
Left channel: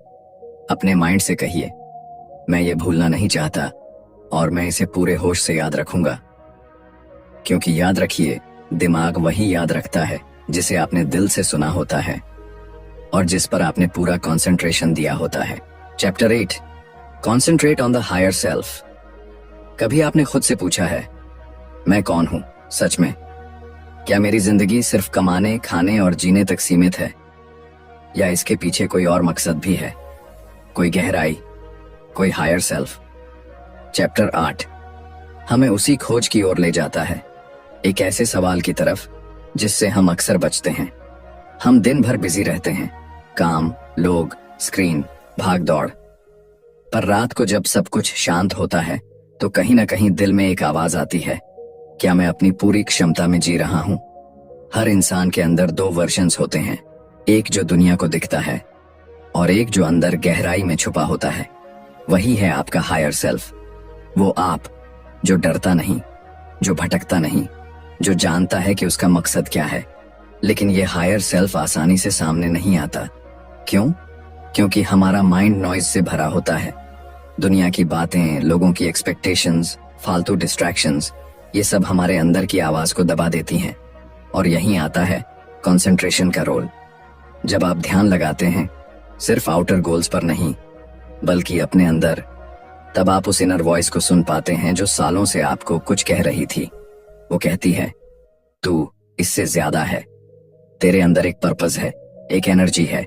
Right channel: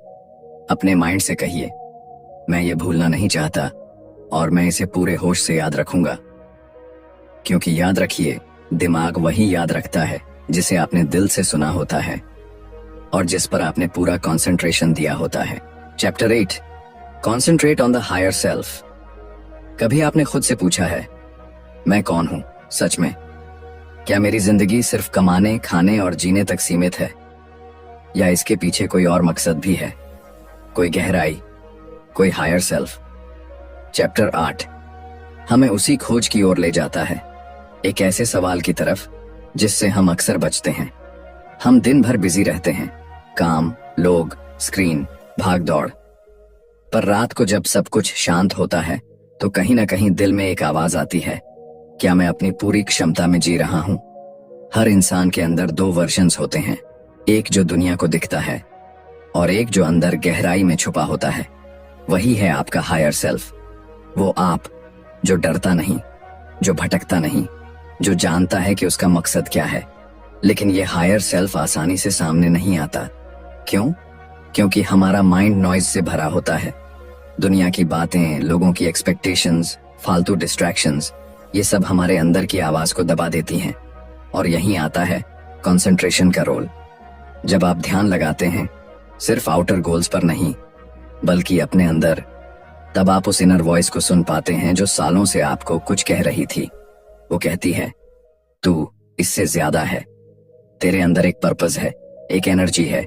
अपने माइंड से कहिए, मैं ये भूलना नहीं चाहता और मैं इसे पूरे होश से याद रखूंगा। क्योंकि याद रखिए, दिमाग वही याद रखता है जिसे आपने दिल से सुना होता है और जिस पर आपने पूरा कंसंट्रेशन दिया होता है। Chapter 8, concentrate on the higher self. कभी आपने खुद से पूछा है, मैं कौन हूं सच में? क्या मेरी जिंदगी सिर्फ कमाने, खाने और जीने तक सीमित है, या इसके पीछे कोई और मकसद भी है, कोई गहराई, कोई हायर सेल्फ? चैप्टर 8 हमें उसी खोज की ओर ले जाता है, एक ऐसे सवाल की तरफ जिससे हम अक्सर बचते हैं। हम दिन भर बिजी रहते हैं, काम, लोग, स्क्रीन, भाग दौड़। पर रात को जब सब कुछ शांत होता है तो कहीं ना कहीं दिल में एक आवाज आती है, क्या मैं अपनी पूरी क्षमता में जी रहा हूं? हर इंसान के अंदर दो वर्जन्स होते हैं, एक जो दुनिया को दिखता है और एक जो अंदर गहराई में छुपा होता है। वही है आपका हायर सेल्फ। वो आप जो डरता नहीं, जो भटकता नहीं, जो जानता है कि उसका मकसद क्या है। लेकिन ये हायर सेल्फ आसानी से सामने नहीं आता। क्यों? क्योंकि हमारा माइंड नॉइज से भरा होता है। दुनिया की बातें, लोगों की एक्सपेक्टेशंस, फालतू डिस्ट्रैक्शंस, ये सब हमारे अंदर की आवाज को दबा देती हैं। और यहीं आता है कंसंट्रेशन का रोल। जब आप ध्यान लगाते हैं, सिर्फ आउटर गोल्स पर नहीं, बल्कि अपने अंदर, तब आप उस इनर वॉइस को सुन पाते हैं जो सालों से आपको कुछ कह रही थी। वो कहती है, तू इससे ज्यादा है, तेरे अंदर एक पर्पस है, एक एनर्जी है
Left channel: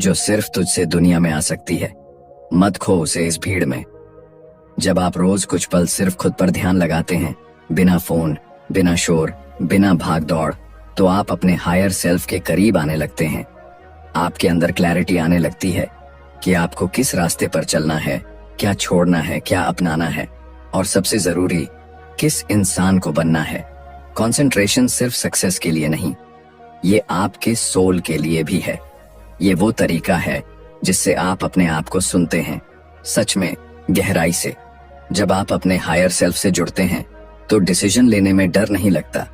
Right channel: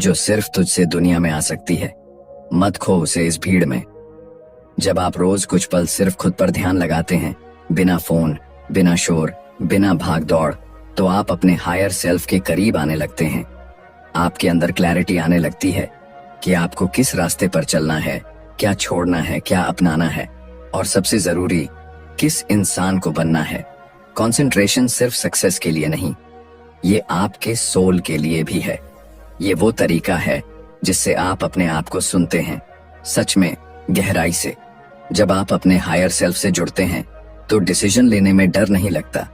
जो सिर्फ तुझसे दुनिया में आ सकती है। मत खो उसे इस भीड़ में। जब आप रोज कुछ पल सिर्फ खुद पर ध्यान लगाते हैं, बिना फोन, बिना शोर, बिना भाग दौड़, तो आप अपने हायर सेल्फ के करीब आने लगते हैं। आपके अंदर क्लैरिटी आने लगती है कि आपको किस रास्ते पर चलना है, क्या छोड़ना है, क्या अपनाना है, और सबसे जरूरी, किस इंसान को बनना है। कंसंट्रेशन सिर्फ सक्सेस के लिए नहीं, ये आपके सोल के लिए भी है। ये वो तरीका है जिससे आप अपने आप को सुनते हैं, सच में, गहराई से। जब आप अपने हायर सेल्फ से जुड़ते हैं तो डिसीजन लेने में डर नहीं लगता।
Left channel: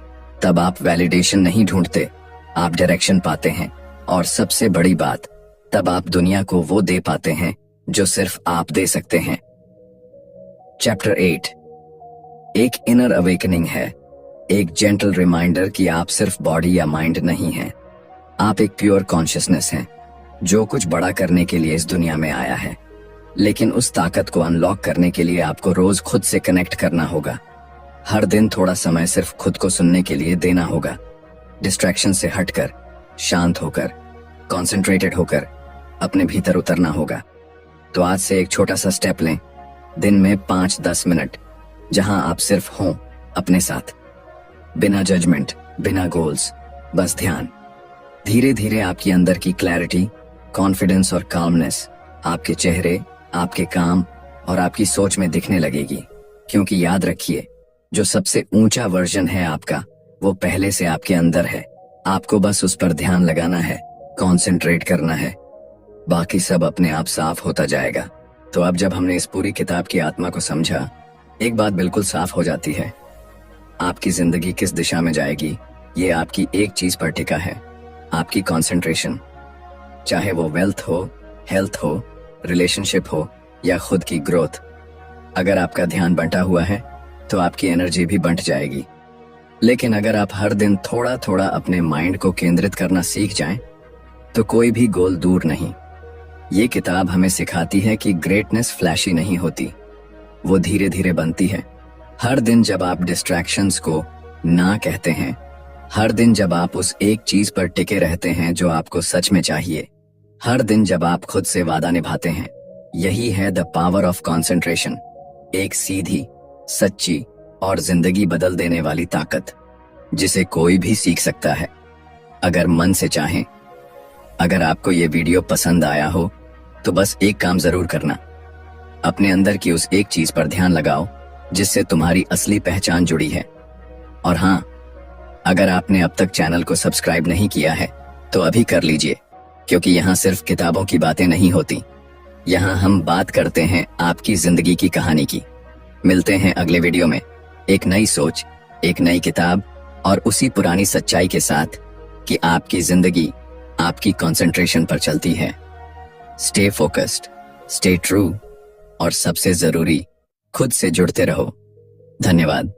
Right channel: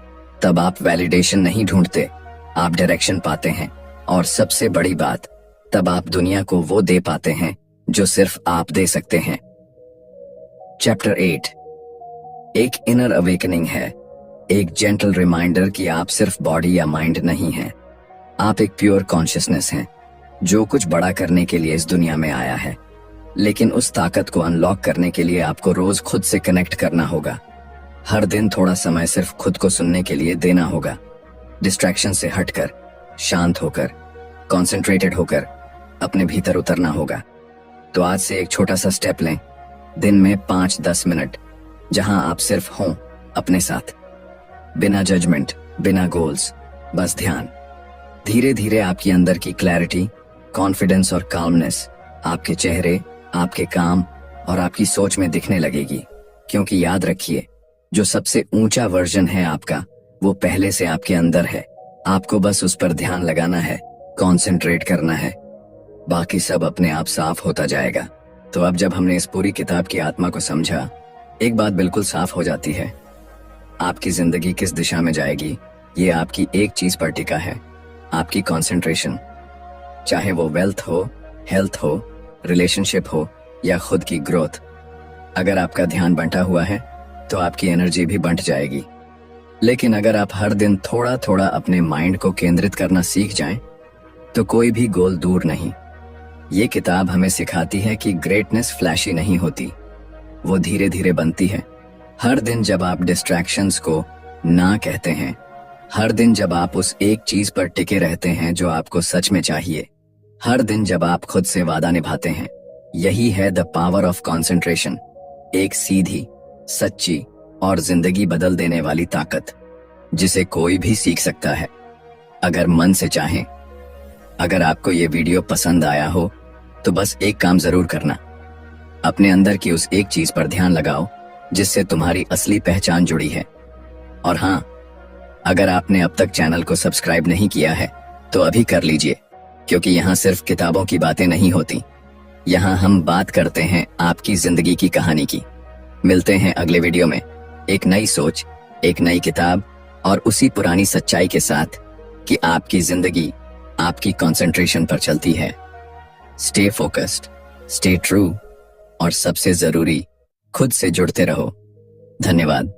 तब आप वैलिडेशन नहीं ढूंढते, आप डायरेक्शन पाते हैं। और सबसे बड़ी बात, तब आप दुनिया को वो दे पाते हैं जो सिर्फ आप दे सकते हैं। चैप्टर 8 एक इनर अवेकनिंग है, एक जेंटल रिमाइंडर कि आप सिर्फ बॉडी या माइंड नहीं हैं। आप एक प्योर कॉन्शियसनेस हैं जो कुछ बड़ा करने के लिए इस दुनिया में आया है। लेकिन उस ताकत को अनलॉक करने के लिए आपको रोज खुद से कनेक्ट करना होगा। हर दिन थोड़ा समय सिर्फ खुद को सुनने के लिए देना होगा। डिस्ट्रैक्शन से हटकर, शांत होकर, कॉन्सेंट्रेटेड होकर अपने भीतर उतरना होगा। तो आज से एक छोटा सा स्टेप लें, दिन में 5-10 मिनट, जहां आप सिर्फ हों अपने साथ, बिना जजमेंट, बिना गोल्स, बस ध्यान। धीरे धीरे आपकी अंदर की क्लैरिटी, कॉन्फिडेंस और काल्मनेस आपके चेहरे, आपके काम और आपकी सोच में दिखने लगेगी। क्योंकि याद रखिए, जो सबसे ऊंचा वर्जन है आपका, वो पहले से आपके अंदर है। आपको बस उस पर ध्यान लगाना है, कॉन्सेंट्रेट करना है, बाकी सब अपने आप साफ होता जाएगा। तो अब जब हमने इस पूरी किताब की आत्मा को समझा, एक बात बिल्कुल साफ हो जाती है, आपकी जिंदगी किस दिशा में जाएगी ये आपकी एक चीज पर टिका है, आपकी कंसंट्रेशन। चाहे वो वेल्थ हो, हेल्थ हो, रिलेशनशिप हो या खुद की ग्रोथ। अगर आपका ध्यान बंटा हुआ है तो आपकी एनर्जी भी बंट जाएगी। लेकिन अगर आप हर दिन थोड़ा थोड़ा अपने माइंड को केंद्रित करना सीख जाएं, तो कोई भी गोल दूर नहीं। ये किताब हमें सिखाती है कि ग्रेटनेस फ्लैशी नहीं होती, वो धीरे धीरे बनती है। हर दिन जब आप डिस्ट्रैक्शंस को ना कहते हैं, हर दिन जब आप उस एक चीज पर टिके रहते हैं जो आपको सच में चाहिए, हर दिन जब आप खुद से वादा निभाते हैं, यही है द पावर ऑफ कंसंट्रेशन, एक सीधी, सच्ची और जिंदगी बदल देने वाली ताकत जिसे कोई भी सीख सकता है अगर मन से चाहे। अगर आपको ये वीडियो पसंद आया हो तो बस एक काम जरूर करना, अपने अंदर की उस एक चीज पर ध्यान लगाओ जिससे तुम्हारी असली पहचान जुड़ी है। और हाँ, अगर आपने अब तक चैनल को सब्सक्राइब नहीं किया है तो अभी कर लीजिए, क्योंकि यहाँ सिर्फ किताबों की बातें नहीं होती, यहाँ हम बात करते हैं आपकी जिंदगी की कहानी की। मिलते हैं अगले वीडियो में एक नई सोच, एक नई किताब और उसी पुरानी सच्चाई के साथ कि आपकी जिंदगी आपकी कंसंट्रेशन पर चलती है। स्टे फोकस्ड, स्टे ट्रू और सबसे जरूरी, खुद से जुड़ते रहो। धन्यवाद।